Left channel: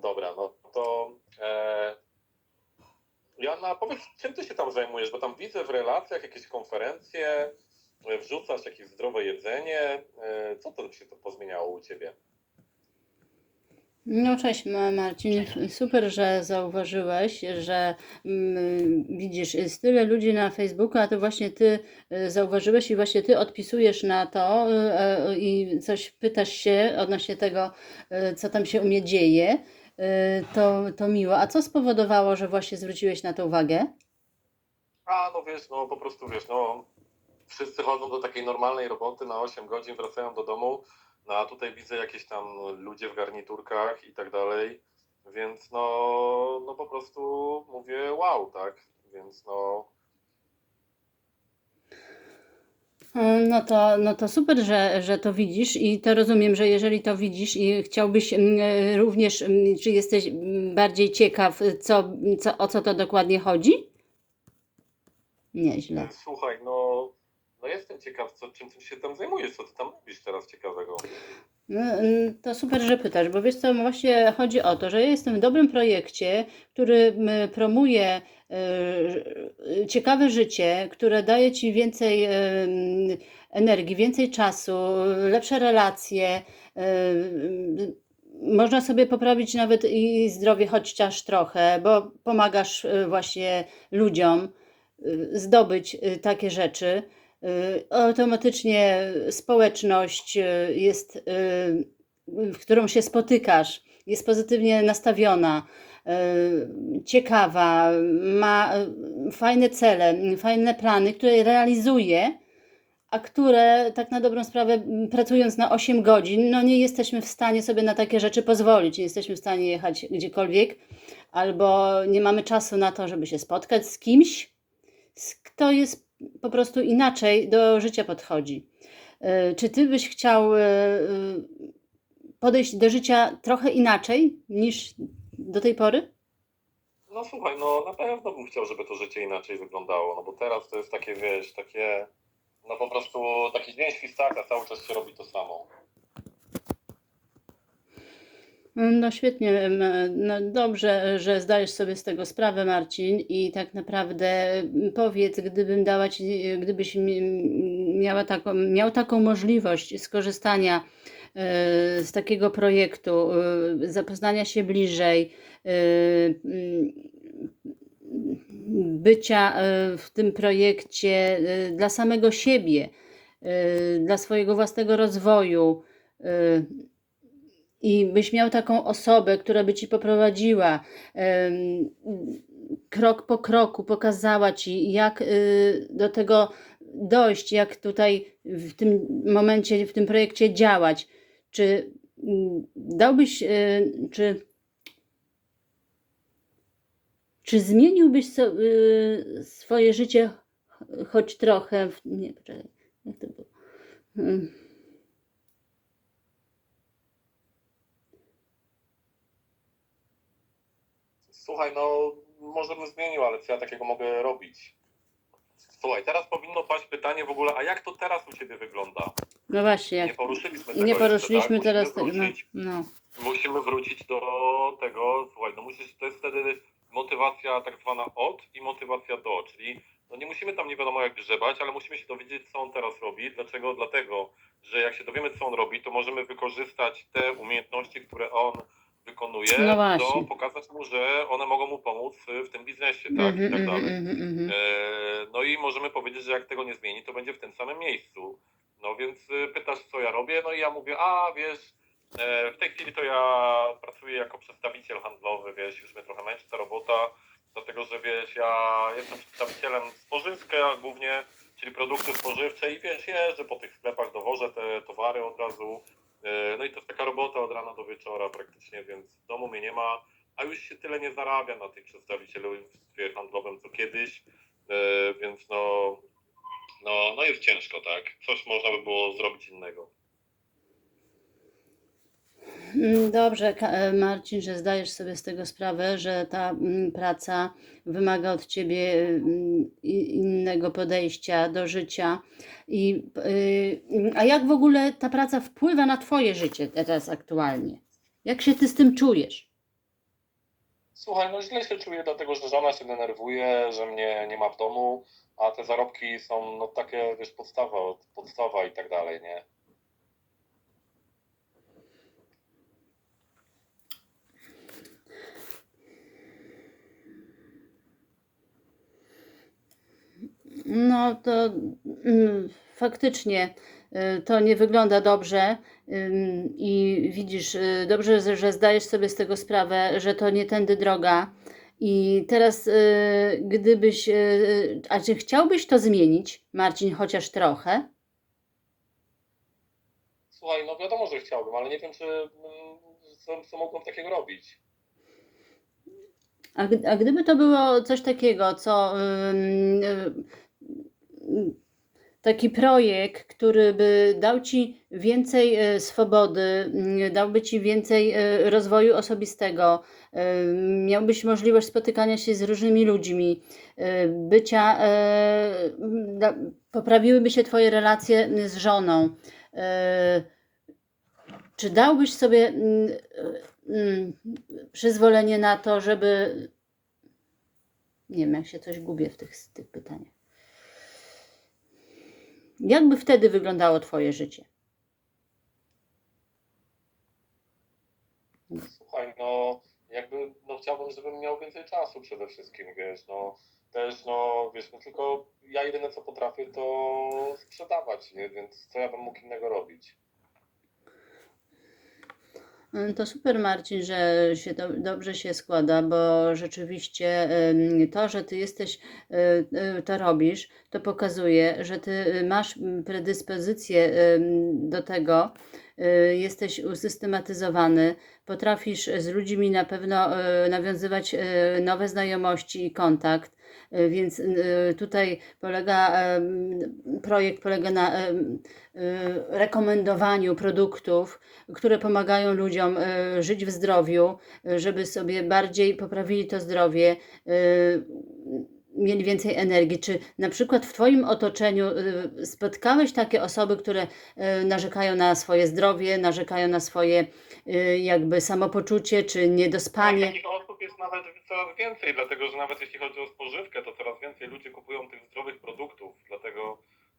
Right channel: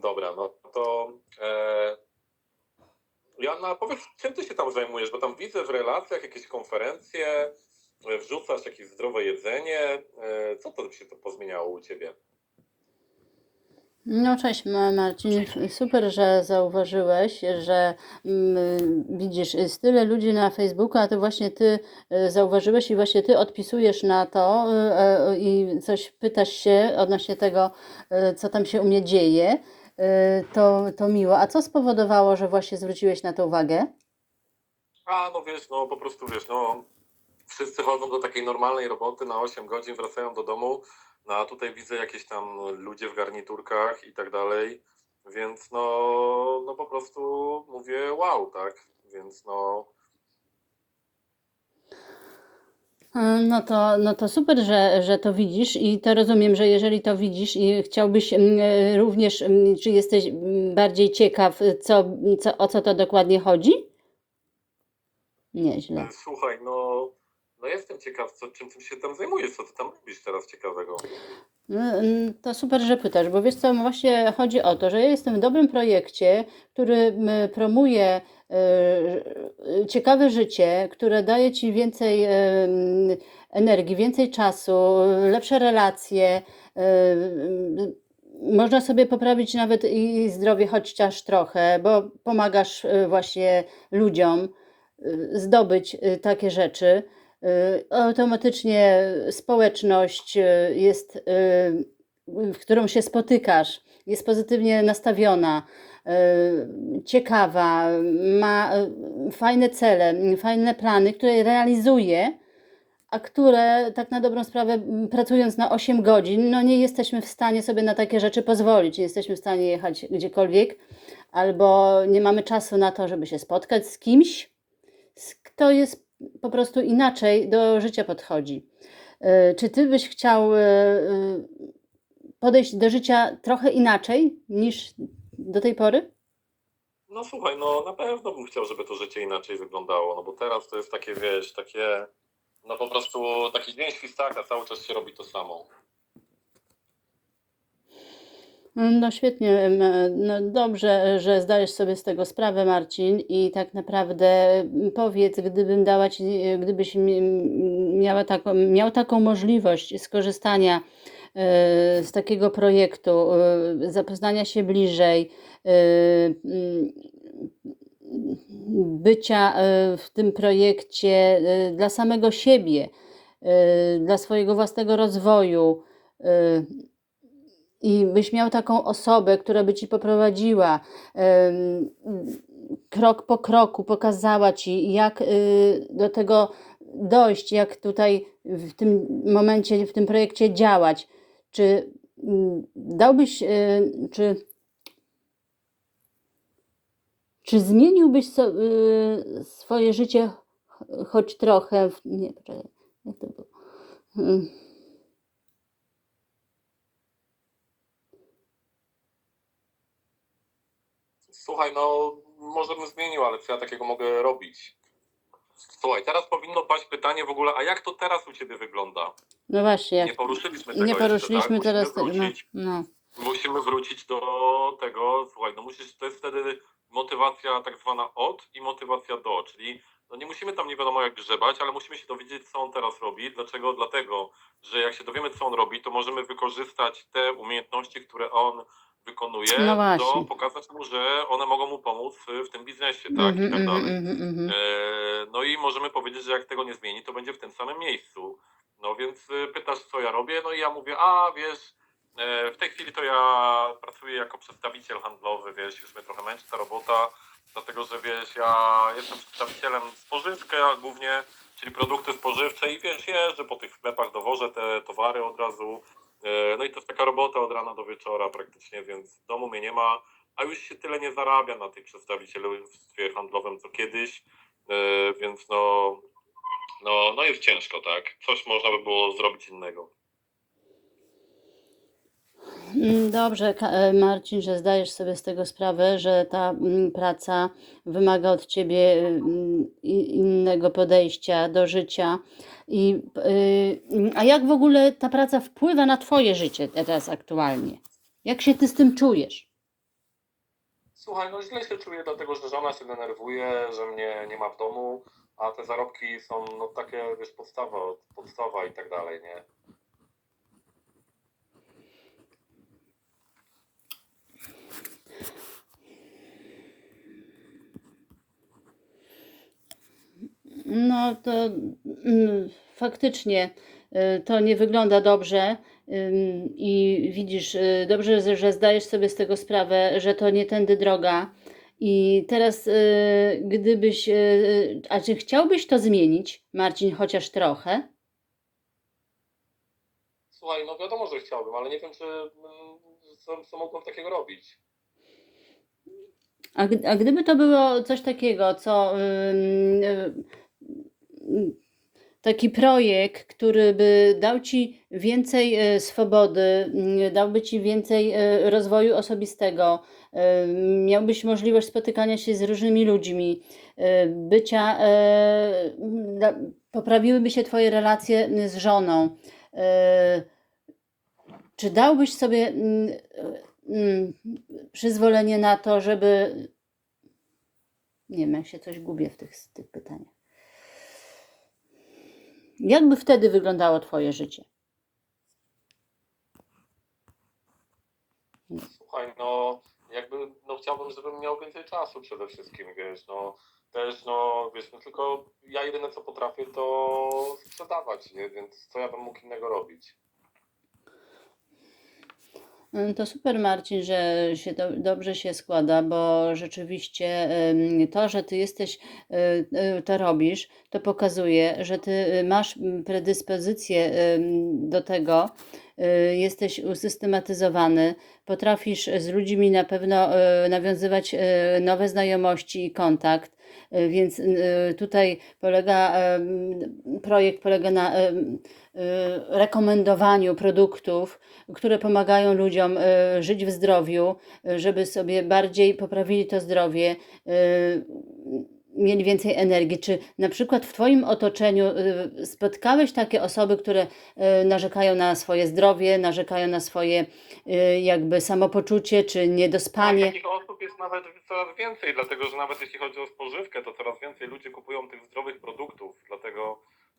Dobra, no to e, Joanna, powiedz, czym ty się tam zajmujesz? Bo tam widzę w relacjach jakieś konferencje, e, wrzucasz jakieś zdrowe jedzenie. E, co to się to pozmieniało u ciebie? No cześć Ma- Marcin, super, że zauważyłeś, że mm, widzisz, jest tyle ludzi na Facebooku, a to właśnie ty e, zauważyłeś i właśnie ty odpisujesz na to e, i coś pytasz się odnośnie tego, co tam się u mnie dzieje. To, to miło. A co spowodowało, że właśnie zwróciłeś na to uwagę? A, no wiesz, no po prostu wiesz, no wszyscy chodzą do takiej normalnej roboty na 8 godzin, wracają do domu, no a tutaj widzę jakieś tam ludzie w garniturkach i tak dalej, więc no, no po prostu mówię wow, tak? Więc no No to, no to super, że, że to widzisz i to rozumiem, że jeżeli to widzisz i chciałbyś mm, również, mm, czy jesteś mm, bardziej ciekaw, co, co, o co to dokładnie chodzi? Nieźle. Słuchaj, no, no jestem ciekaw, co, czym się tam zajmujesz, co ty tam robisz teraz ciekawego. No, mm, To super, że pytasz, bo wiesz co, właśnie chodzi o to, że ja jestem w dobrym projekcie, który promuje e, ciekawe życie, które daje ci więcej e, energii, więcej czasu, lepsze relacje. e, Można sobie poprawić nawet i zdrowie chociaż trochę, bo pomagasz e, właśnie ludziom e, zdobyć e, takie rzeczy. Y, automatycznie społeczność y, jest, y, w którą się spotykasz, jest pozytywnie nastawiona, ciekawa, ma fajne cele, fajne plany, które realizuje, a które tak na dobrą sprawę, m, pracując na 8 godzin, no nie jesteśmy w stanie sobie na takie rzeczy pozwolić. Nie jesteśmy w stanie jechać gdziekolwiek, albo nie mamy czasu na to, żeby się spotkać z kimś, kto jest po prostu inaczej do życia podchodzi. E, Czy ty byś chciał e, e, podejść do życia trochę inaczej niż do tej pory? No słuchaj, no na pewno bym chciał, żeby to życie inaczej wyglądało, no bo teraz to jest takie, wiesz, takie, no po prostu taki dzień świstaka, cały czas się robi to samo. No świetnie, em, no dobrze, że zdajesz sobie z tego sprawę, Marcin, i tak naprawdę powiedz, gdybym dała ci, gdybyś mi- miała taką, miał taką możliwość skorzystania e, z takiego projektu, e, zapoznania się bliżej, e, mm, bycia e, w tym projekcie e, dla samego siebie, e, dla swojego własnego rozwoju. I byś miał taką osobę, która by ci poprowadziła krok po kroku, pokazała ci, jak y, do tego dojść, jak tutaj w tym momencie, w tym projekcie działać. Czy mm, dałbyś, y, czy, czy zmieniłbyś y, swoje życie ch- choć trochę? w- Nie, jak to było? Słuchaj, no może bym zmienił, ale co ja takiego mogę robić? Słuchaj, teraz powinno paść pytanie w ogóle, a jak to teraz u ciebie wygląda? No właśnie, Nie jak poruszyliśmy tego nie jeszcze, poruszyliśmy tak? teraz Musimy. No, wrócić no. musimy wrócić do tego, słuchaj, no musisz, to jest wtedy motywacja tak zwana od i motywacja do, czyli no nie musimy tam nie wiadomo jak grzebać, ale musimy się dowiedzieć, co on teraz robi. Dlaczego? Dlatego, że jak się dowiemy, co on robi, to możemy wykorzystać te umiejętności, które on wykonuje, No właśnie. pokazać mu, że one mogą mu pomóc w tym biznesie, tak, Mhm, i tak mhm, dalej. mhm, mhm. E, No i możemy powiedzieć, że jak tego nie zmieni, to będzie w tym samym miejscu. No więc y, pytasz, co ja robię, no i ja mówię, a wiesz, e, w tej chwili to ja pracuję jako przedstawiciel handlowy, wiesz, już mnie trochę męczy ta robota, dlatego że wiesz, ja jestem przedstawicielem spożywka głównie, czyli produkty spożywcze i wiesz, jeżdżę po tych sklepach, dowożę te towary od razu. E, No i to jest taka robota od rana do wieczora praktycznie, więc w domu mnie nie ma, a już się tyle nie zarabia na tych przedstawicielstwie handlowym co kiedyś. E, więc no, no, no jest ciężko, tak? Coś można by było zrobić innego. Mm, Dobrze, e, Marcin, że zdajesz sobie z tego sprawę, że ta mm, praca wymaga od ciebie mm, i- innego podejścia do życia. I, y, a jak w ogóle ta praca wpływa na twoje życie teraz aktualnie? Jak się ty z tym czujesz? Słuchaj, no źle się czuję, dlatego że żona się denerwuje, że mnie nie ma w domu, a te zarobki są no takie, wiesz, podstawa, podstawa i tak dalej, nie? No to mm, faktycznie y, to nie wygląda dobrze i widzisz, y, dobrze, że- zdajesz sobie z tego sprawę, że to nie tędy droga. I teraz, y, gdybyś, a czy chciałbyś to zmienić, Marcin, chociaż trochę? Słuchaj, no wiadomo, że chciałbym, ale nie wiem, czy mm, co, co mogłem takiego robić. A, gdy- a gdyby to było coś takiego, co taki projekt, który by dał ci więcej y, swobody, y, dałby ci więcej y, rozwoju osobistego, y, miałbyś możliwość spotykania się z różnymi ludźmi, bycia, poprawiłyby się twoje relacje z żoną. Czy dałbyś sobie mm, mm, przyzwolenie na to, żeby. Nie wiem, jak się coś gubię w tych, tych pytaniach. Jakby wtedy wyglądało Twoje życie? Słuchaj, no jakby, no chciałbym, żebym miał więcej czasu przede wszystkim, wiesz, no też, no wiesz, no tylko ja jedyne co potrafię to sprzedawać, nie? Więc co ja bym mógł innego robić? To super, Marcin, że się do, dobrze się składa, bo rzeczywiście to, że ty jesteś, y, y, to robisz, to pokazuje, że ty y, masz predyspozycję do tego, jesteś usystematyzowany, potrafisz z ludźmi na pewno nawiązywać nowe znajomości i kontakt. Y, Więc y, tutaj polega, projekt polega na y, rekomendowaniu produktów, które pomagają ludziom żyć w zdrowiu, żeby sobie bardziej poprawili to zdrowie, mieli więcej energii. Czy na przykład w Twoim otoczeniu spotkałeś takie osoby, które narzekają na swoje zdrowie, narzekają na swoje jakby samopoczucie, czy Tak, niedospanie? takich osób jest nawet coraz więcej, dlatego że nawet jeśli chodzi o spożywkę, to coraz więcej ludzi kupują tych zdrowych produktów, dlatego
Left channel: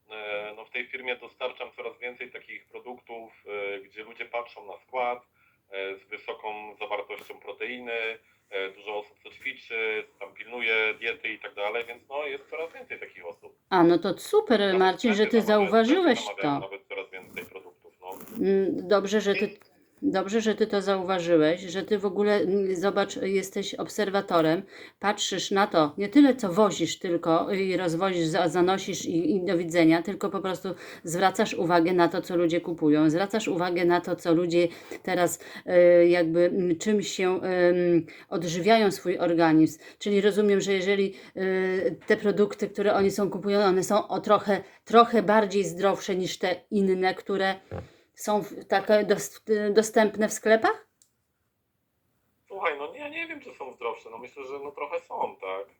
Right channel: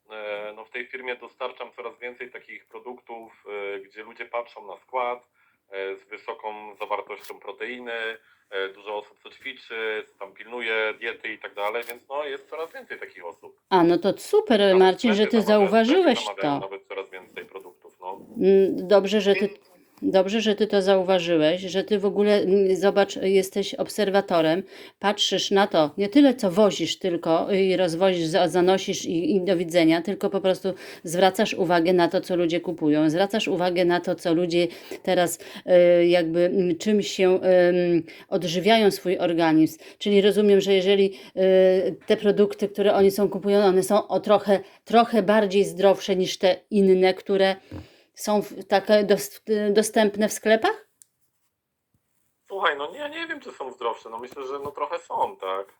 e, no, w tej firmie dostarczam coraz więcej takich produktów, e, gdzie ludzie patrzą na skład e, z wysoką zawartością proteiny, dużo osób co ćwiczy, tam pilnuje diety i tak dalej, więc no jest coraz więcej takich osób. A, no to super, Nawet Marcin, że Ty zauważyłeś to. Nawet coraz więcej produktów, no. Mm, Dobrze, że ty, dobrze, że ty to zauważyłeś, że ty w ogóle, zobacz, jesteś obserwatorem, patrzysz na to, nie tyle co wozisz tylko i rozwozisz, za- zanosisz i, i do widzenia, tylko po prostu zwracasz uwagę na to, co ludzie kupują, zwracasz uwagę na to, co ludzie teraz e, jakby czymś się odżywiają swój organizm. Czyli rozumiem, że jeżeli e, te produkty, które oni są kupują, one są o trochę, trochę bardziej zdrowsze niż te inne, które są takie dos, dostępne w sklepach? Słuchaj, no nie, nie wiem, czy są zdrowsze, no myślę, że no trochę są, tak.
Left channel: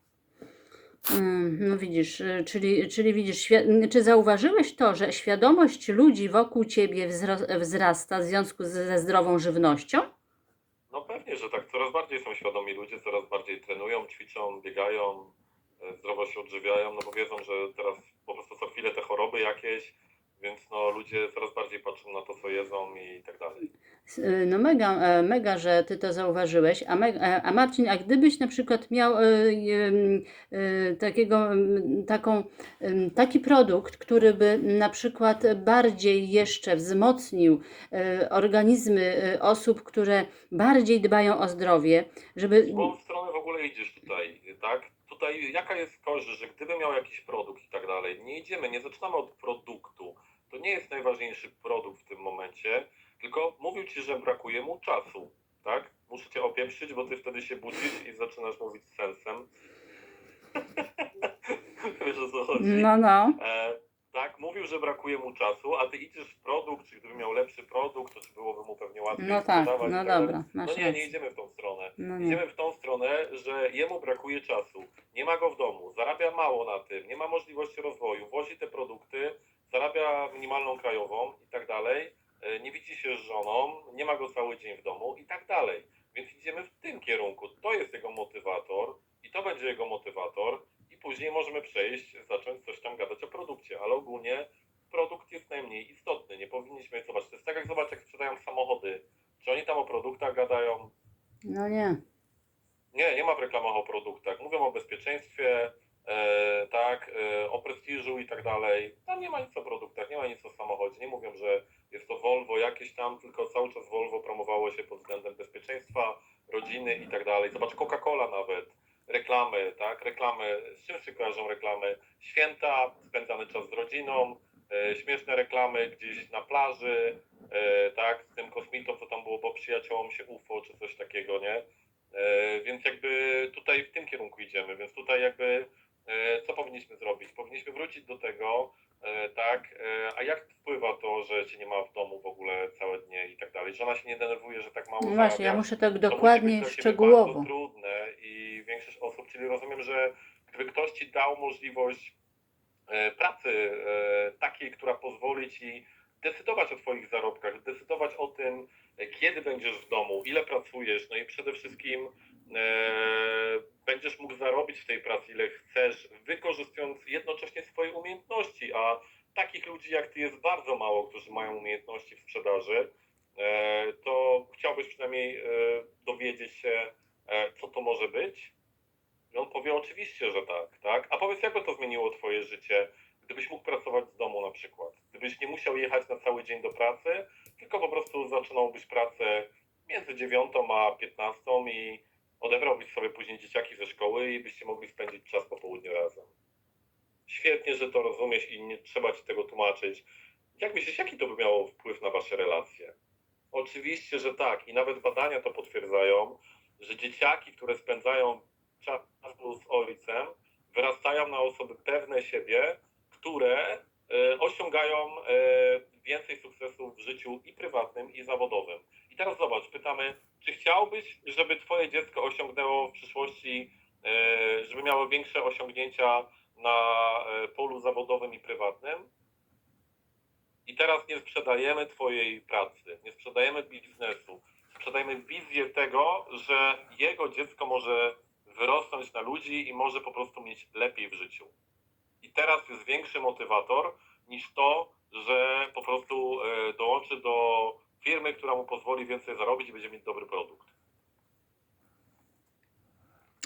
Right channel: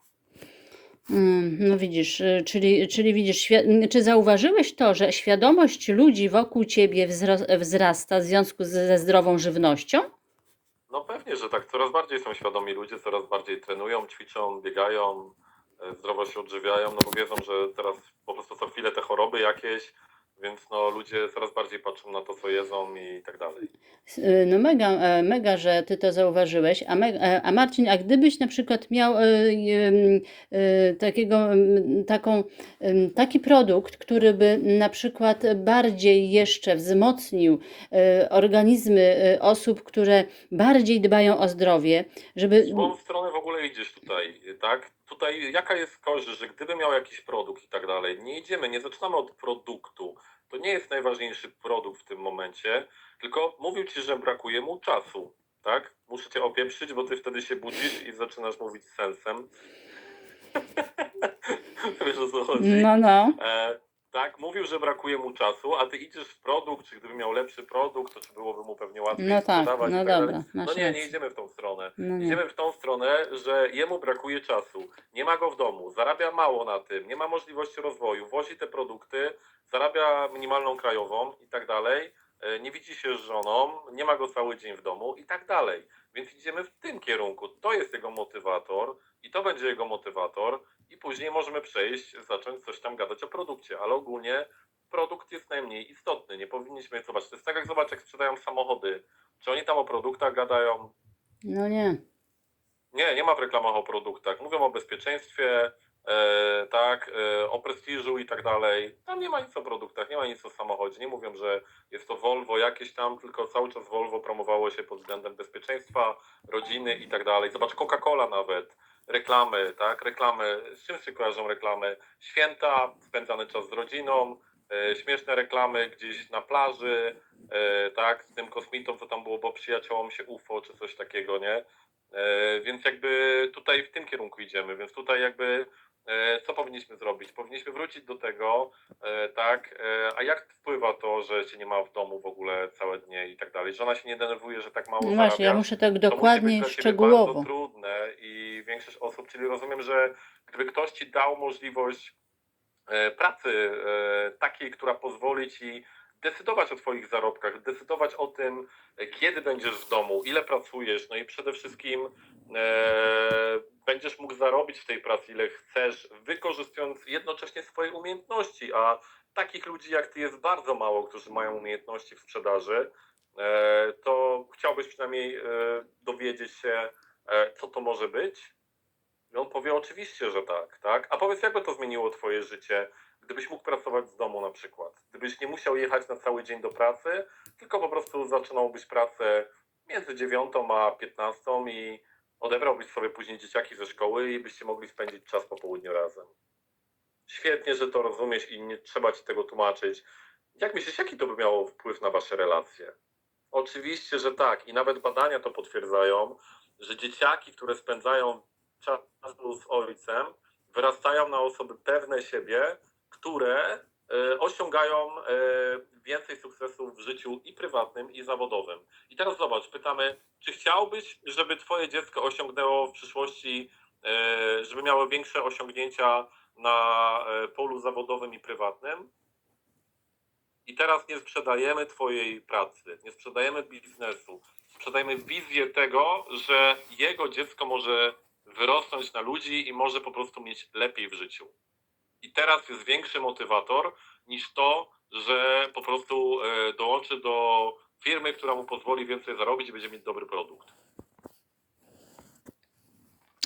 Mm, no widzisz, y, czyli, czyli widzisz, czy zauważyłeś to, że świadomość ludzi wokół ciebie wzrasta w związku ze zdrową żywnością? No pewnie, że tak. Coraz bardziej są świadomi ludzie, coraz bardziej trenują, ćwiczą, biegają, e, zdrowo się odżywiają, no bo wiedzą, że teraz po prostu co chwilę te choroby jakieś, więc no ludzie coraz bardziej patrzą na to, co jedzą i tak dalej. Y, No mega, e, mega, że ty to zauważyłeś. A, me, e, a Marcin, a gdybyś na przykład miał y, y, y, takiego, mm, taką, ym, taki produkt, który by na przykład bardziej jeszcze wzmocnił y, organizmy y, osób, które bardziej dbają o zdrowie, żeby... W którą stronę w ogóle idziesz tutaj, tak? Tutaj jaka jest korzyść, że gdyby miał jakiś produkt i tak dalej, nie idziemy, nie zaczynamy od produktu. To nie jest najważniejszy produkt w tym momencie, tylko mówił ci, że brakuje mu czasu, tak? Muszę cię opieprzyć, bo ty wtedy się budzisz i zaczynasz mówić sensem. Wiesz o co chodzi? No, no. E, tak, mówił, że brakuje mu czasu, a ty idziesz w produkt, czy gdyby miał lepszy produkt, to czy byłoby mu pewnie łatwiej No tak, sprzedawać no tak dobra, No nie, nie idziemy w tą stronę. No. Idziemy w tą stronę, że jemu brakuje czasu, nie ma go w domu, zarabia mało na tym, nie ma możliwości rozwoju, wozi te produkty, zarabia minimalną krajową i tak dalej, e, nie widzi się z żoną, nie ma go cały dzień w domu i tak dalej. Więc idziemy w tym kierunku. To jest jego motywator i to będzie jego motywator i później możemy przejść, zacząć coś tam gadać o produkcie, ale ogólnie produkt jest najmniej istotny. Nie powinniśmy, zobacz, to jest tak jak zobacz, jak sprzedają samochody. Czy oni tam o produktach gadają? No nie. Nie, nie ma w reklamach o produktach. Mówią o bezpieczeństwie, tak, e, o prestiżu i tak dalej. Tam nie ma nic o produktach, nie ma nic o samochodzie. Nie mówią, że jest to Volvo jakieś tam, tylko cały czas Volvo promowało się pod względem bezpieczeństwa, rodziny i tak dalej. Zobacz, Coca-Cola nawet, reklamy, tak, reklamy. Z czym się kojarzą reklamy? Święta, spędzany czas z rodziną, e, śmieszne reklamy gdzieś na plaży, e, tak, z tym kosmitą, co tam było, bo przyjaciołom się UFO, czy coś takiego, nie? E, Więc jakby tutaj w tym kierunku idziemy, więc tutaj jakby e, co powinniśmy zrobić? Powinniśmy wrócić do tego, e, tak, e, a jak wpływa to, że cię nie ma w domu w ogóle całe dnie i tak dalej? Żona się nie denerwuje, że tak mało No właśnie, ja zarabia? muszę tak To musi dokładnie, być szczegółowo. bardzo trudne i większość osób, czyli rozumiem, że gdyby ktoś ci dał możliwość e, pracy e, takiej, która pozwoli ci decydować o twoich zarobkach, decydować o tym, e, kiedy będziesz w domu, ile pracujesz, no i przede wszystkim e, będziesz mógł zarobić w tej pracy ile chcesz, wykorzystując jednocześnie swoje umiejętności, a takich ludzi jak ty jest bardzo mało, którzy mają umiejętności w sprzedaży, e, to chciałbyś przynajmniej e, dowiedzieć się, e, co to może być? I on powie oczywiście, że tak, tak? A powiedz, jakby to zmieniło twoje życie, gdybyś mógł pracować z domu na przykład? Gdybyś nie musiał jechać na cały dzień do pracy, tylko po prostu zaczynałbyś pracę między 9 a 15 i odebrałbyś sobie później dzieciaki ze szkoły i byście mogli spędzić czas po południu razem. Świetnie, że to rozumiesz i nie trzeba ci tego tłumaczyć. Jak myślisz, jaki to by miało wpływ na wasze relacje? Oczywiście, że tak. I nawet badania to potwierdzają, że dzieciaki, które spędzają czas z ojcem, wyrastają na osoby pewne siebie, które osiągają e, więcej sukcesów w życiu i prywatnym, i zawodowym. I teraz zobacz, pytamy, czy chciałbyś, żeby twoje dziecko osiągnęło w przyszłości, e, żeby miało większe osiągnięcia na e, polu zawodowym i prywatnym? I teraz nie sprzedajemy twojej pracy, nie sprzedajemy biznesu, sprzedajemy wizję tego, że jego dziecko może wyrosnąć na ludzi i może po prostu mieć lepiej w życiu. I teraz jest większy motywator niż to, że po prostu e, dołączy do firmy, która mu pozwoli więcej zarobić i będzie mieć dobry produkt.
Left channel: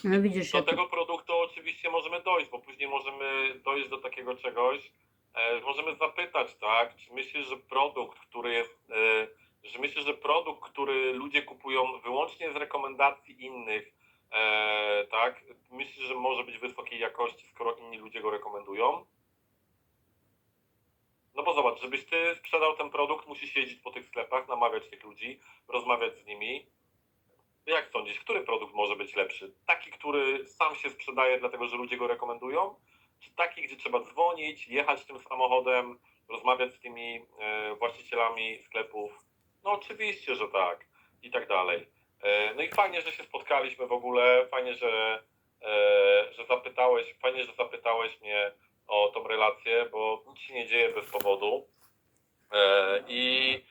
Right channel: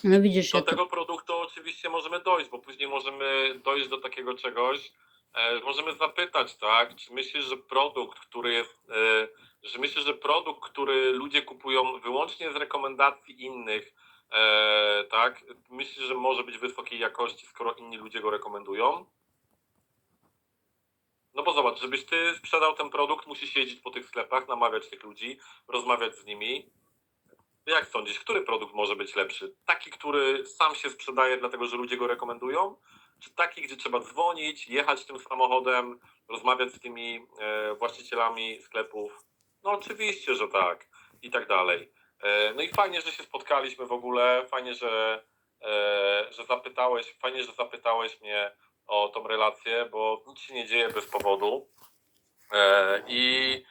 No widzisz, Do tego produktu oczywiście możemy dojść, bo później możemy dojść do takiego czegoś, e, możemy zapytać, tak, czy myślisz, że produkt, który jest, e, że myślisz, że produkt, który ludzie kupują wyłącznie z rekomendacji innych, e, tak, myślisz, że może być wysokiej jakości, skoro inni ludzie go rekomendują? No bo zobacz, żebyś ty sprzedał ten produkt, musisz jeździć po tych sklepach, namawiać tych ludzi, rozmawiać z nimi. Jak sądzisz, który produkt może być lepszy? Taki, który sam się sprzedaje, dlatego że ludzie go rekomendują? Czy taki, gdzie trzeba dzwonić, jechać tym samochodem, rozmawiać z tymi e, właścicielami sklepów? No oczywiście, że tak. I tak dalej. E, no i fajnie, że się spotkaliśmy w ogóle. Fajnie, że, e, że zapytałeś, fajnie, że zapytałeś mnie o tą relację, bo nic się nie dzieje bez powodu. E, I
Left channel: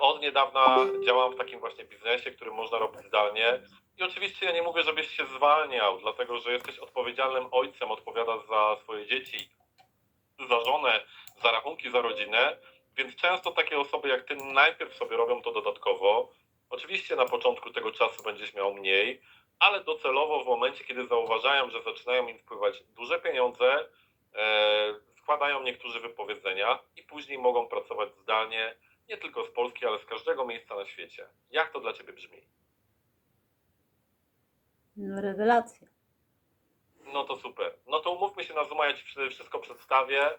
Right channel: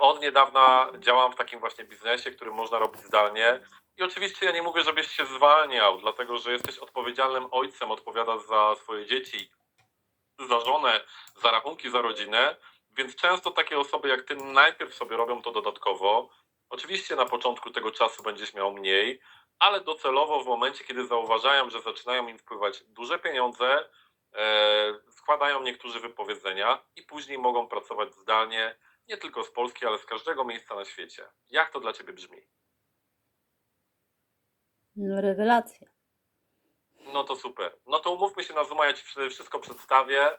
od niedawna działam w takim właśnie biznesie, który można robić zdalnie. I oczywiście ja nie mówię, żebyś się zwalniał, dlatego że jesteś odpowiedzialnym ojcem, odpowiadasz za swoje dzieci, za żonę, za rachunki, za rodzinę. Więc często takie osoby jak ty najpierw sobie robią to dodatkowo. Oczywiście na początku tego czasu będziesz miał mniej, ale docelowo w momencie, kiedy zauważają, że zaczynają im wpływać duże pieniądze, e, składają niektórzy wypowiedzenia i później mogą pracować zdalnie, nie tylko z Polski, ale z każdego miejsca na świecie. Jak to dla Ciebie brzmi? No rewelacja. No to super. No to umówmy się na Zooma, ja Ci wszystko przedstawię.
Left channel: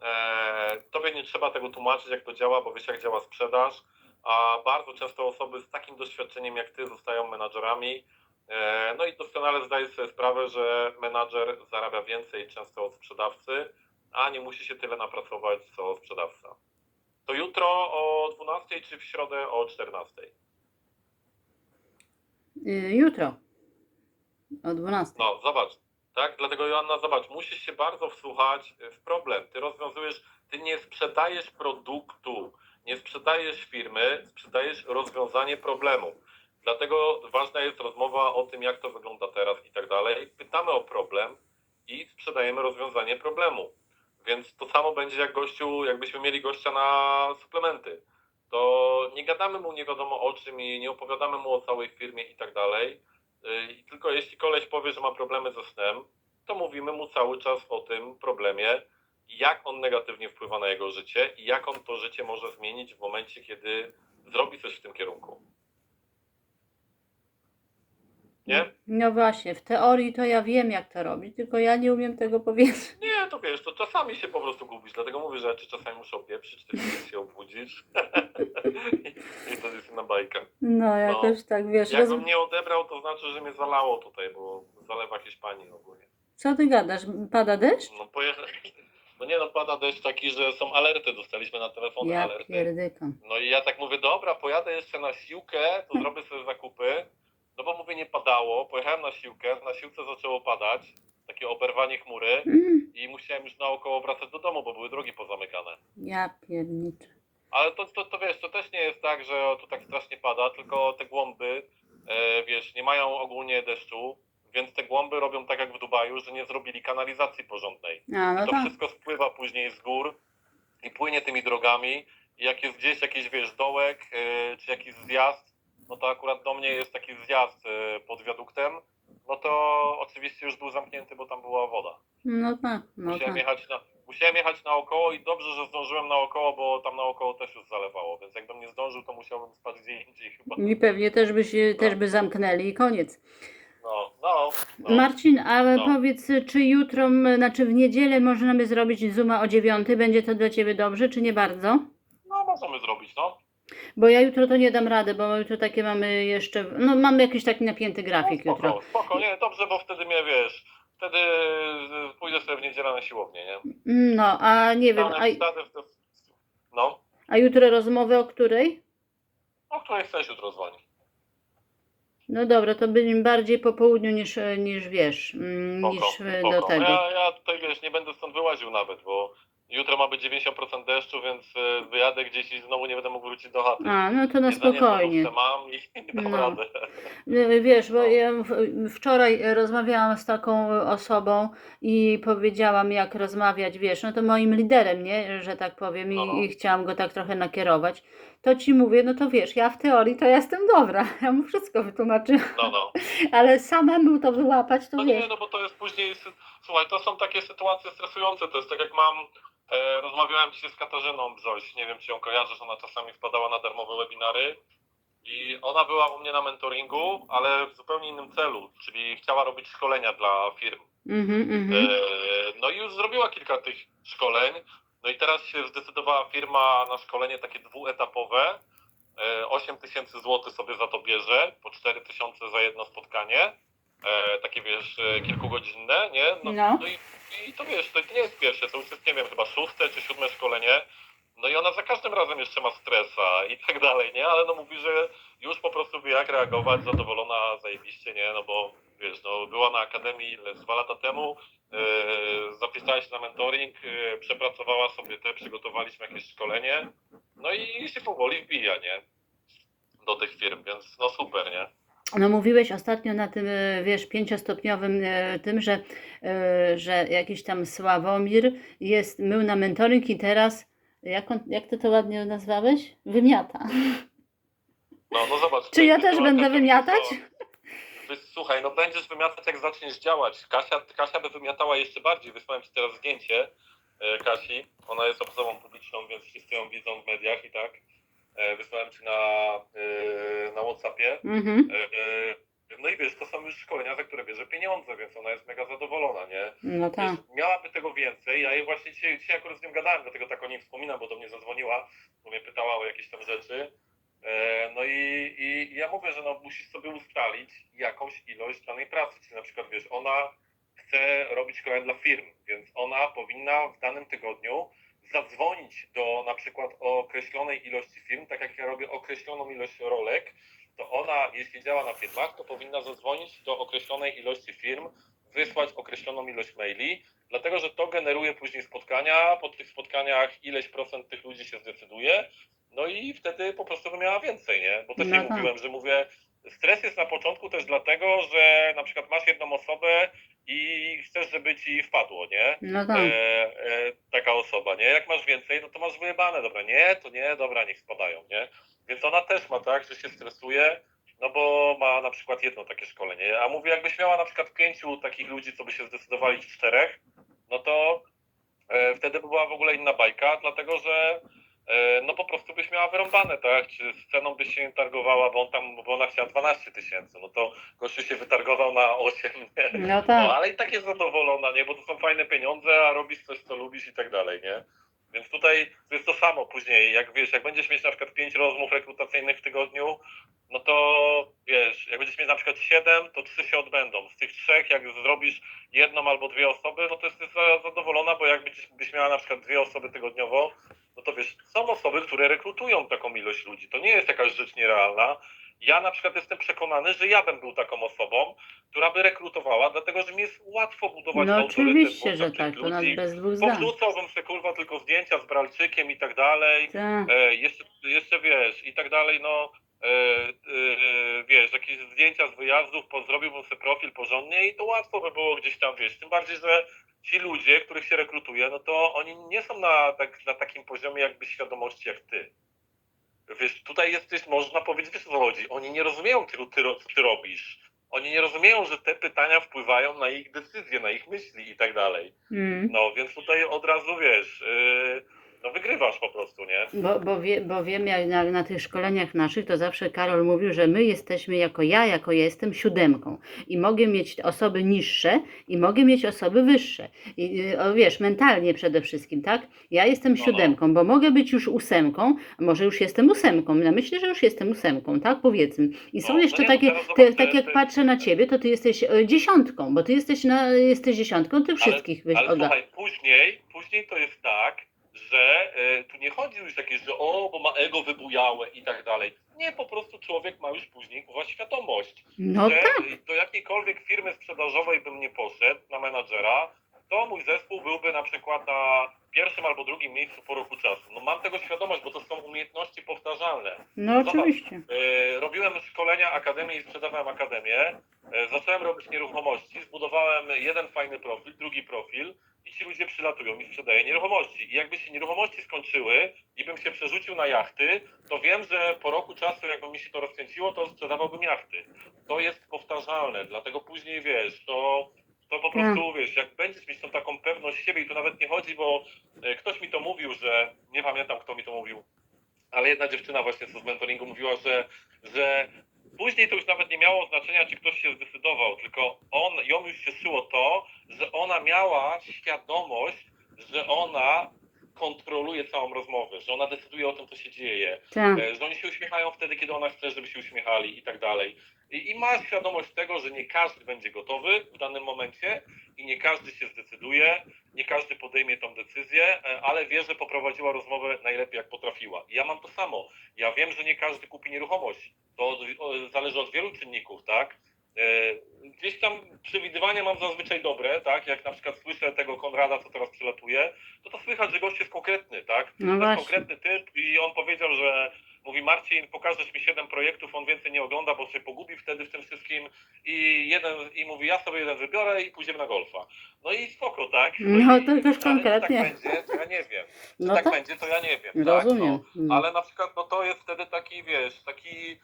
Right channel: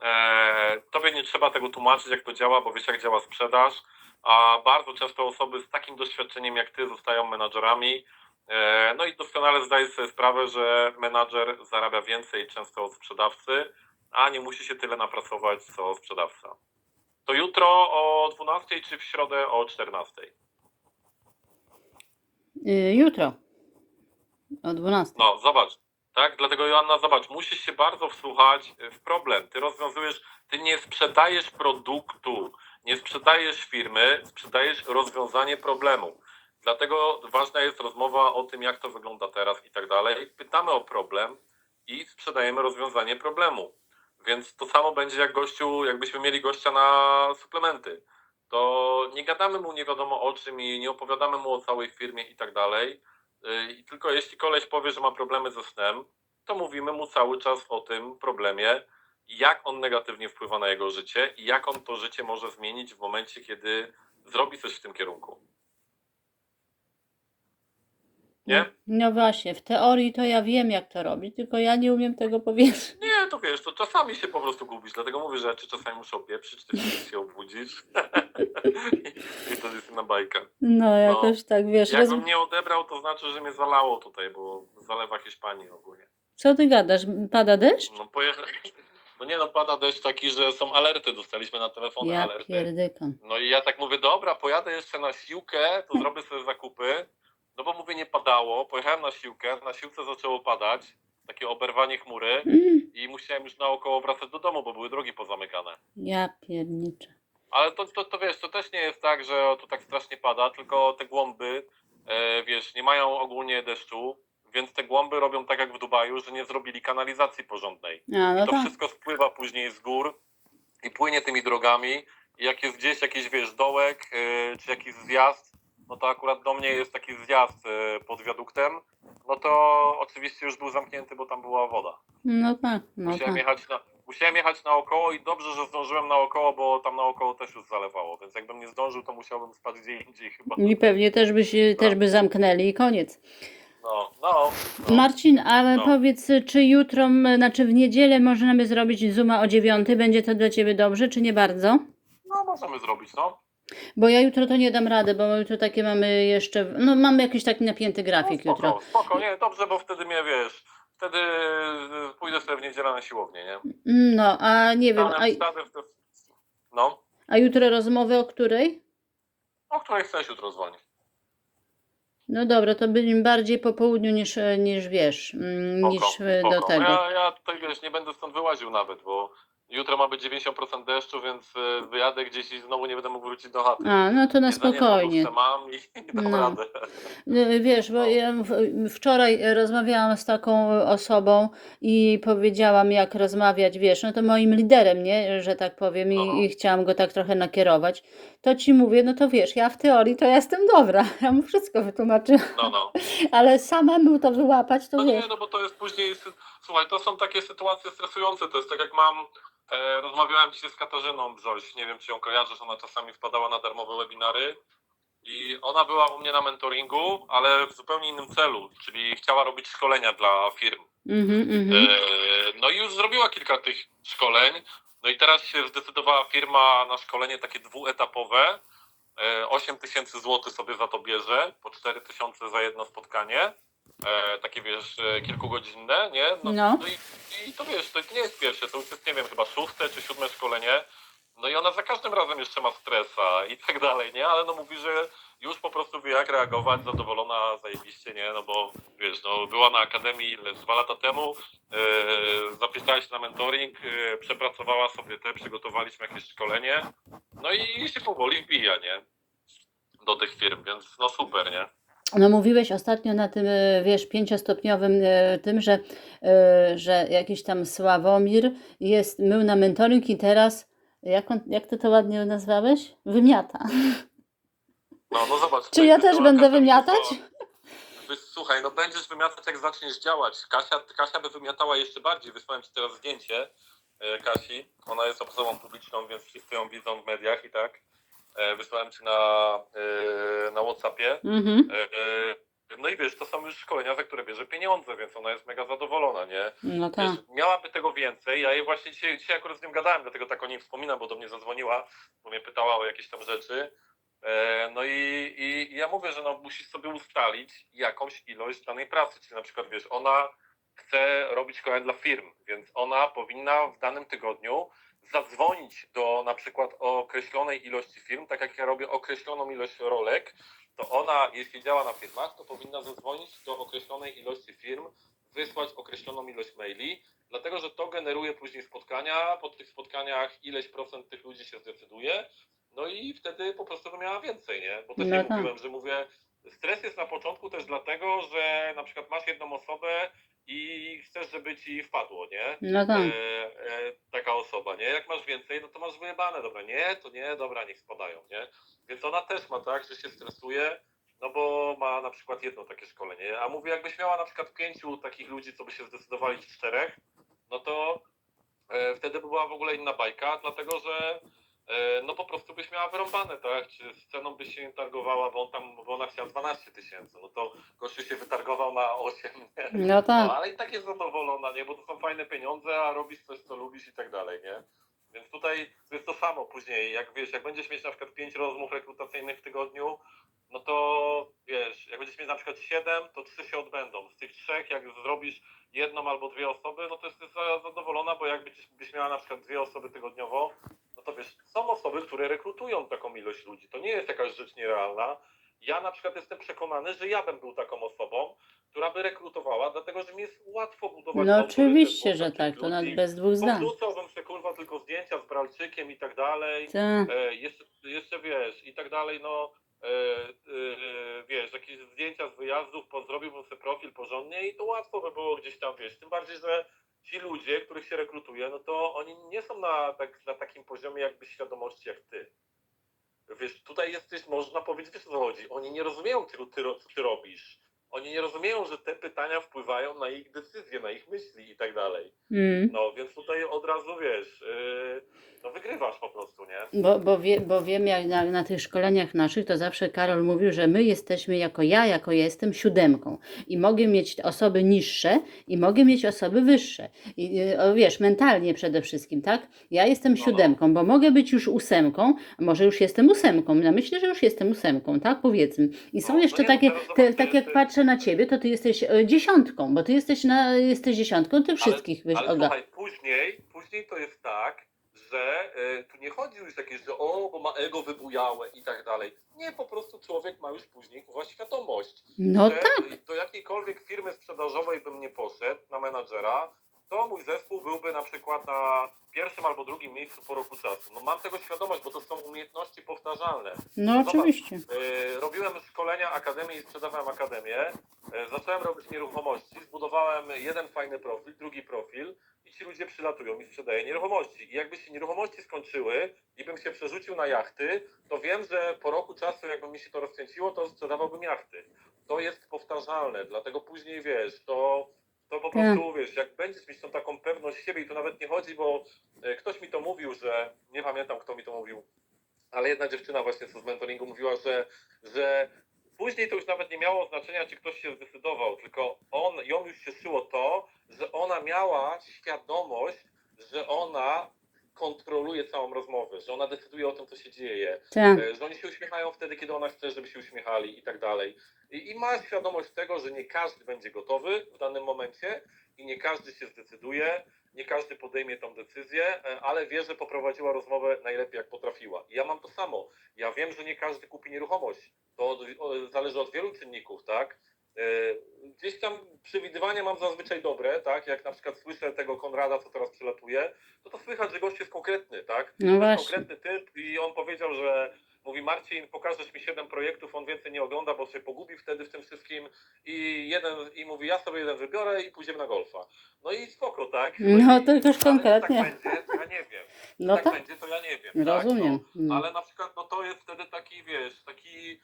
Eee, tobie nie trzeba tego tłumaczyć, jak to działa, bo wiesz, jak działa sprzedaż. A bardzo często osoby z takim doświadczeniem jak Ty zostają menadżerami. Eee, no i doskonale zdaję sobie sprawę, że menadżer zarabia więcej często od sprzedawcy, a nie musi się tyle napracować co sprzedawca. To jutro o 12 czy w środę o 14? Y, Jutro o 12. No, zobacz. Tak, dlatego Joanna, zobacz, musisz się bardzo wsłuchać w problem. Ty rozwiązujesz, ty nie sprzedajesz produktu, Nie sprzedajesz firmy, sprzedajesz rozwiązanie problemu. Dlatego ważna jest rozmowa o tym, jak to wygląda teraz i tak dalej. Pytamy o problem i sprzedajemy rozwiązanie problemu. Więc to samo będzie jak gościu, jakbyśmy mieli gościa na suplementy. To nie gadamy mu nie wiadomo o czym i nie opowiadamy mu o całej firmie i tak dalej. Yy, I tylko jeśli koleś powie, że ma problemy ze snem, to mówimy mu cały czas o tym problemie, jak on negatywnie wpływa na jego życie i jak on to życie może zmienić w momencie, kiedy zrobi coś w tym kierunku. Nie? No właśnie, w teorii to ja wiem, jak to robić, tylko ja nie umiem tego powiedzieć. Nie, to wiesz, to czasami się po prostu gubisz, dlatego mówię, że ja czasami muszę opieprzyć, ty się obudzić i to jest inna bajka. No, jakoś tak, wiesz, roz... Jakbym nie odebrał, to znaczy, że mnie zalało tutaj, bo zalewa Hiszpanii ogólnie. co ty gadasz? Pada deszcz? No pojechać. No nie no, pada deszcz taki, że są alerty, dostaliśmy na telefony Ja alerty. pierdykam. No i ja tak mówię, dobra, pojadę jeszcze na siłkę, to zrobię sobie zakupy. No bo mówię, nie padało, pojechałem na siłkę, na siłce zaczęło padać, takie oberwanie chmury Mm, i musiałem już naokoło wracać do domu, bo były drogi pozamykane. ja pierniczę. Ale to, to, to wiesz, to też nie jest tak, że tu tak strasznie pada, tylko te głąby, e, wiesz, nie mają ogólnie deszczu, więc te głąby robią tak jak w Dubaju, że nie zrobili kanalizacji porządnej. A, no to tak. wszystko spływa później z gór i płynie tymi drogami. I jak jest gdzieś jakiś, wiesz, dołek yy, czy jakiś zjazd, no to akurat do mnie jest taki zjazd yy, pod wiaduktem, no to oczywiście już był zamknięty, bo tam była woda. No tak, no Musiałem tak. jechać na, musiałem jechać naokoło i dobrze, że zdążyłem naokoło, bo tam naokoło też już zalewało, więc jakbym nie zdążył, to musiałbym spać gdzie indziej chyba. I pewnie też by, się, też by zamknęli i koniec. No, no. no. Marcin, ale No. powiedz, czy jutro, znaczy w niedzielę możemy zrobić Zooma o dziewiątej? Będzie to dla Ciebie dobrze, czy nie bardzo? no możemy zrobić, no. Bo ja jutro to nie dam rady, bo jutro takie mamy jeszcze, no mamy jakiś taki napięty grafik spoko, jutro. Spoko, nie, dobrze, bo wtedy mnie, wiesz, wtedy y, pójdę sobie w niedzielę na siłownię, nie? No, a nie wiem, a. No, a jutro rozmowy o której? o której chcesz jutro dzwonić? No dobra, to bym bardziej po południu niż, niż wiesz, mm, Spoko, niż e, do tego. Ja, ja tutaj, wiesz, nie będę stąd wyłaził nawet, bo jutro ma być 90% deszczu, więc y, wyjadę gdzieś i znowu nie będę mógł wrócić do chaty. A, no to na Jedzenie spokojnie. lodówce mam i nie dam No. radę. No, Wiesz, bo No. ja w- wczoraj rozmawiałam z taką osobą i powiedziałam, jak rozmawiać, wiesz, no to moim liderem, nie, że tak powiem, No. i, i chciałam go tak trochę nakierować. To ci mówię, no to wiesz, ja w teorii to jestem dobra, ja mu wszystko wytłumaczyłam, No, no. ale samemu to wyłapać, to No wiesz. nie, no bo to jest później, sy- słuchaj, to są takie sytuacje stresujące, to jest tak jak mam, e, rozmawiałem dzisiaj z Katarzyną Brzoś, nie wiem czy ją kojarzysz, ona czasami wpadała na darmowe webinary i ona była u mnie na mentoringu, ale w zupełnie innym celu, czyli chciała robić szkolenia dla firm. Mhm, mhm. E, No i już zrobiła kilka tych szkoleń. No i teraz się zdecydowała firma na szkolenie takie dwuetapowe. E, 8 tysięcy złotych sobie za to bierze, po 4 tysiące za jedno spotkanie. E, takie wiesz, e, kilkugodzinne, nie? No, No. no i, i to wiesz, to nie jest pierwsze, to już jest, nie wiem, chyba szóste czy siódme szkolenie. No i ona za każdym razem jeszcze ma stresa i tak dalej, nie? Ale no mówi, że już po prostu wie jak reagować, zadowolona, zajebiście, nie? No bo wiesz, no była na akademii ile, dwa lata temu, yy, zapisała się na mentoring, yy, przepracowała sobie te, przygotowaliśmy jakieś szkolenie, no i się powoli wbija, nie? Do tych firm, więc no super, nie? No mówiłeś ostatnio na tym, e, wiesz, pięciostopniowym e, tym, że, e, że jakiś tam Sławomir jest, był na mentoring i teraz, jak, on, jak ty to ładnie nazwałeś? Wymiata. No, no zobacz. Czy ja też będę wymiatać? Słuchaj, no będziesz wymiatać jak zaczniesz działać. Kasia, Kasia by wymiatała jeszcze bardziej. Wysłałem ci teraz zdjęcie Kasi. Ona jest osobą publiczną, więc wszyscy ją widzą w mediach i tak. E, Wysłałem ci na, e, na Whatsappie. Mhm. E, No i wiesz, to są już szkolenia, za które bierze pieniądze, więc ona jest mega zadowolona, nie? No tak. Wiesz, miałaby tego więcej. Ja jej właśnie dzisiaj, dzisiaj akurat z nią gadałem, dlatego tak o niej wspominam, bo do mnie zadzwoniła, bo mnie pytała o jakieś tam rzeczy. No i, i, i ja mówię, że no, musisz sobie ustalić jakąś ilość danej pracy. Czyli na przykład wiesz, ona chce robić szkolenia dla firm, więc ona powinna w danym tygodniu zadzwonić do na przykład określonej ilości firm, tak jak ja robię określoną ilość rolek, to ona, jeśli działa na firmach, to powinna zadzwonić do określonej ilości firm, wysłać określoną ilość maili, dlatego że to generuje później spotkania, po tych spotkaniach ileś procent tych ludzi się zdecyduje no i wtedy po prostu by miała więcej, nie? Bo też No jej tak. mówiłem, że mówię, stres jest na początku też dlatego, że na przykład masz jedną osobę i chcesz, żeby ci wpadło, nie? No tak. E, e, taka osoba, nie? Jak masz więcej, no to masz wyjebane, dobra, nie, to nie, dobra, niech spadają, nie? Więc ona też ma tak, że się stresuje, no bo ma na przykład jedno takie szkolenie, a mówię, jakbyś miała na przykład pięciu takich ludzi, co by się zdecydowali, czterech, no to e, wtedy by była w ogóle inna bajka, dlatego że no po prostu byś miała wyrąbane, tak? Czy z ceną byś się nie targowała, bo on tam, bo ona chciała 12 tysięcy, no to gościu się wytargował na 8, nie? No No, tak. ale i tak jest zadowolona, nie? Bo to są fajne pieniądze, a robisz coś, co lubisz i tak dalej, nie? Więc tutaj jest to samo później, jak wiesz, jak będziesz mieć na przykład pięć rozmów rekrutacyjnych w tygodniu, no to wiesz, jak będziesz mieć na przykład siedem, to trzy się odbędą. Z tych trzech, jak zrobisz jedną albo dwie osoby, no to jesteś za- zadowolona, bo jak byś miała na przykład dwie osoby tygodniowo, no to wiesz, są osoby, które rekrutują taką ilość ludzi. To nie jest jakaś rzecz nierealna. Ja na przykład jestem przekonany, że ja bym był taką osobą, która by rekrutowała, dlatego że mi jest łatwo budować No autorytet oczywiście, że tak, to nawet ludzi. bez dwóch zdań. Powrzucałbym sobie kurwa tylko zdjęcia z Bralczykiem i tak dalej. Tak. E, jeszcze, jeszcze wiesz, i tak dalej, no e, e, wiesz, jakieś zdjęcia z wyjazdów, po, zrobiłbym sobie profil porządnie i to łatwo by było gdzieś tam, wiesz, tym bardziej, że ci ludzie, których się rekrutuje, no to oni nie są na, tak, na takim poziomie jakby świadomości jak ty. Wiesz, tutaj jesteś, można powiedzieć, wiesz chodzi, oni nie rozumieją, ty, co ty robisz. Oni nie rozumieją, że te pytania wpływają na ich decyzje, na ich myśli i tak dalej. Mm. No, więc tutaj od razu, wiesz, yy, no wygrywasz po prostu, nie? Bo, bo, wie, bo wiem, jak na, na tych szkoleniach naszych, to zawsze Karol mówił, że my jesteśmy jako ja, jako ja jestem siódemką i mogę mieć osoby niższe i mogę mieć osoby wyższe. I, y, o, wiesz, mentalnie przede wszystkim, tak? Ja jestem No. siódemką, bo mogę być już ósemką, a może już jestem ósemką. Ja myślę, że już jestem ósemką, tak? Powiedzmy. I są No, no jeszcze nie, no takie, teraz te, tak jak ty- patrzę na ciebie, to ty jesteś e, dziesiątką, bo ty jesteś, na, jesteś dziesiątką, ty wszystkich Ale, ale oga. słuchaj, później, później to jest tak, że y, tu nie chodzi już jakieś, że o, bo ma ego wybujałe i tak dalej. Nie, po prostu człowiek ma już później kurwa świadomość, No że tak. do jakiejkolwiek firmy sprzedażowej bym nie poszedł na menadżera, to mój zespół byłby na przykład na pierwszym albo drugim miejscu po roku czasu. No mam tego świadomość, bo to są umiejętności powtarzalne. No Zobacz, oczywiście. E, Robiłem szkolenia akademii i sprzedawałem akademię. E, Zacząłem robić nieruchomości, zbudowałem jeden fajny profil, drugi profil i ci ludzie przylatują i sprzedaję nieruchomości. I jakby się nieruchomości skończyły i bym się przerzucił na jachty, to wiem, że po roku czasu, jakby mi się to rozkręciło, to sprzedawałbym jachty. To jest powtarzalne, dlatego później wiesz, to, to po Tak. prostu wiesz, jak będziesz mieć tą taką pewność siebie i tu nawet nie chodzi, bo e, ktoś mi to mówił, że nie pamiętam kto mi to mówił, ale jedna dziewczyna właśnie z mentoringu mówiła, że, że później to już nawet nie miało znaczenia, czy ktoś się zdecydował, tylko on, ją już cieszyło to, że ona miała świadomość, że ona kontroluje całą rozmowę, że ona decyduje o tym, co się dzieje, Tak. e, że oni się uśmiechają wtedy, kiedy ona chce, żeby się uśmiechali i tak dalej. I, I ma świadomość tego, że nie każdy będzie gotowy w danym momencie i nie każdy się zdecyduje, nie każdy podejmie tą decyzję, e, ale wie, że poprowadziła rozmowę najlepiej jak potrafiła. I ja mam to samo. Ja wiem, że nie każdy kupi nieruchomość. To od, zależy od wielu czynników, tak? E, Gdzieś tam przewidywania mam zazwyczaj dobre, tak? Jak na przykład słyszę tego Konrada, co teraz przylatuje, to to słychać, że gość jest konkretny, tak? No to jest konkretny typ i on powiedział, że mówi Marcin, pokażesz mi siedem projektów, on więcej nie ogląda, bo się pogubi wtedy w tym wszystkim i jeden i mówi, ja sobie jeden wybiorę i pójdziemy na golfa. No i spoko, tak? No, to już ale czy konkretnie. Tak będzie, to ja nie wiem. No tak, tak, będzie, to ja nie wiem. Tak? rozumiem. No, No. ale na przykład no to jest wtedy taki, wiesz, taki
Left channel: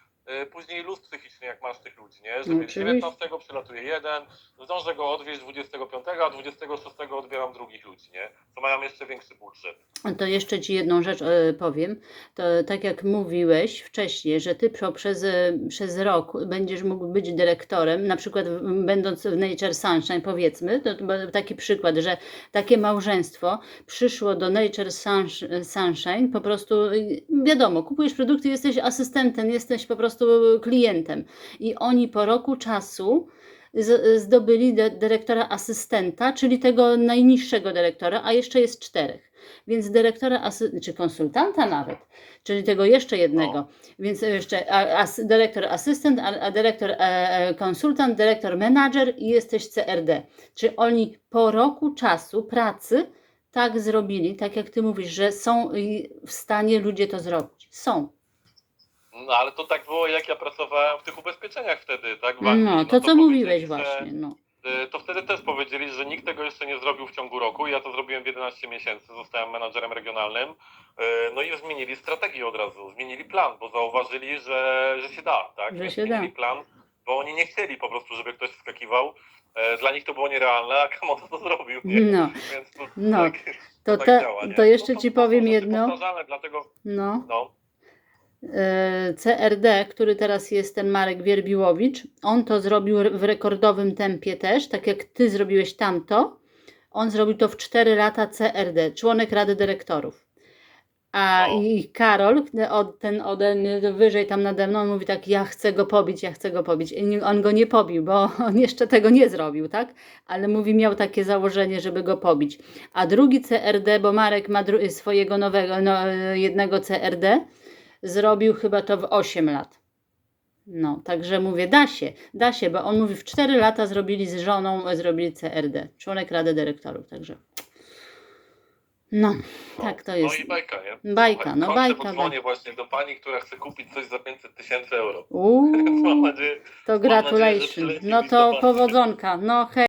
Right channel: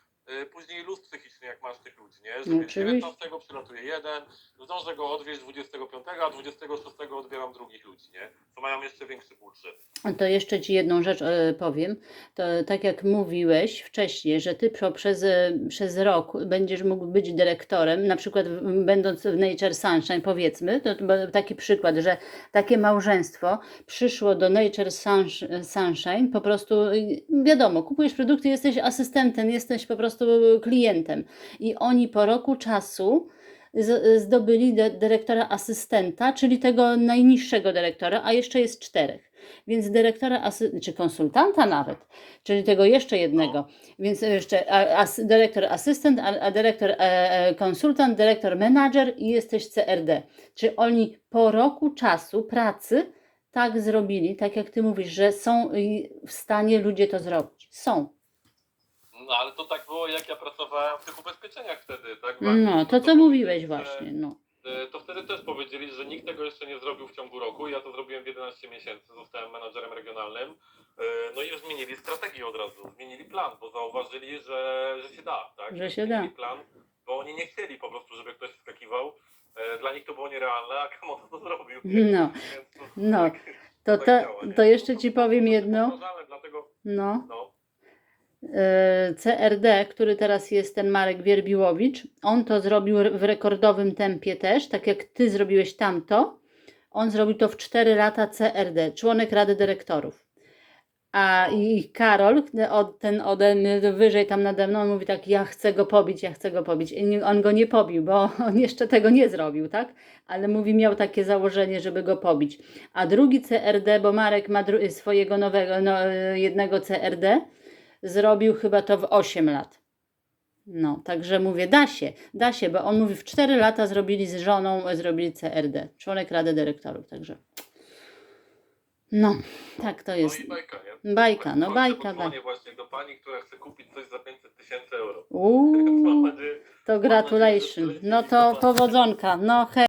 później luz psychiczny, jak masz tych ludzi, nie? Że No wiesz, oczywiście. 19 przylatuje jeden, zdążę go odwieźć 25, a 26 odbieram drugich ludzi, nie? To mają jeszcze większy budżet. To jeszcze Ci jedną rzecz e, powiem. To tak jak mówiłeś wcześniej, że Ty przez, e, przez rok będziesz mógł być dyrektorem, na przykład będąc w Nature Sunshine, powiedzmy, to, taki przykład, że takie małżeństwo przyszło do Nature Sunsh- Sunshine, po prostu y, wiadomo, kupujesz produkty, jesteś asystentem, jesteś po prostu klientem i oni po roku czasu zdobyli dy- dyrektora asystenta, czyli tego najniższego dyrektora, a jeszcze jest czterech. Więc dyrektora, asy- czy konsultanta nawet, czyli tego jeszcze jednego. Więc jeszcze as, dyrektor asystent, a, a dyrektor e, e, konsultant, dyrektor menadżer i jesteś CRD. Czy oni po roku czasu pracy tak zrobili, tak jak ty mówisz, że są w stanie ludzie to zrobić. Są. No ale to tak było, jak ja pracowałem w tych ubezpieczeniach wtedy, tak? w No, Anglii. to co mówiłeś właśnie, no. y, To wtedy też powiedzieli, że nikt tego jeszcze nie zrobił w ciągu roku. Ja to zrobiłem w 11 miesięcy, zostałem menadżerem regionalnym. Y, No i zmienili strategię od razu, zmienili plan, bo zauważyli, że, że się da, tak? Że się zmienili da. plan, bo oni nie chcieli po prostu, żeby ktoś wskakiwał. E, Dla nich to było nierealne, a Kamoto to zrobił. nie? No, Więc to, no. tak, To, tak te, działa, nie? to jeszcze No ci to powiem są rzeczy jedno. powtarzalne, Dlatego, No. no, CRD, który teraz jest ten Marek Wierbiłowicz, on to zrobił w rekordowym tempie też, tak jak ty zrobiłeś tamto. On zrobił to w 4 lata CRD, członek Rady Dyrektorów. A i Karol, ten ode mnie wyżej tam nade mną, mówi tak, ja chcę go pobić, ja chcę go pobić. I on go nie pobił, bo on jeszcze tego nie zrobił, tak? Ale mówi, miał takie założenie, żeby go pobić. A drugi CRD, bo Marek ma swojego nowego, no, jednego CRD, zrobił chyba to w 8 lat. No, także mówię, da się, da się, bo on mówi, w 4 lata zrobili z żoną, zrobili CRD, członek Rady Dyrektorów, także. No, tak to jest. no i bajka, nie? Bajka, no bajka, bajka. właśnie do pani, która chce kupić coś za 500 tysięcy euro. Uuu, to gratulation. No to powodzonka. No hej.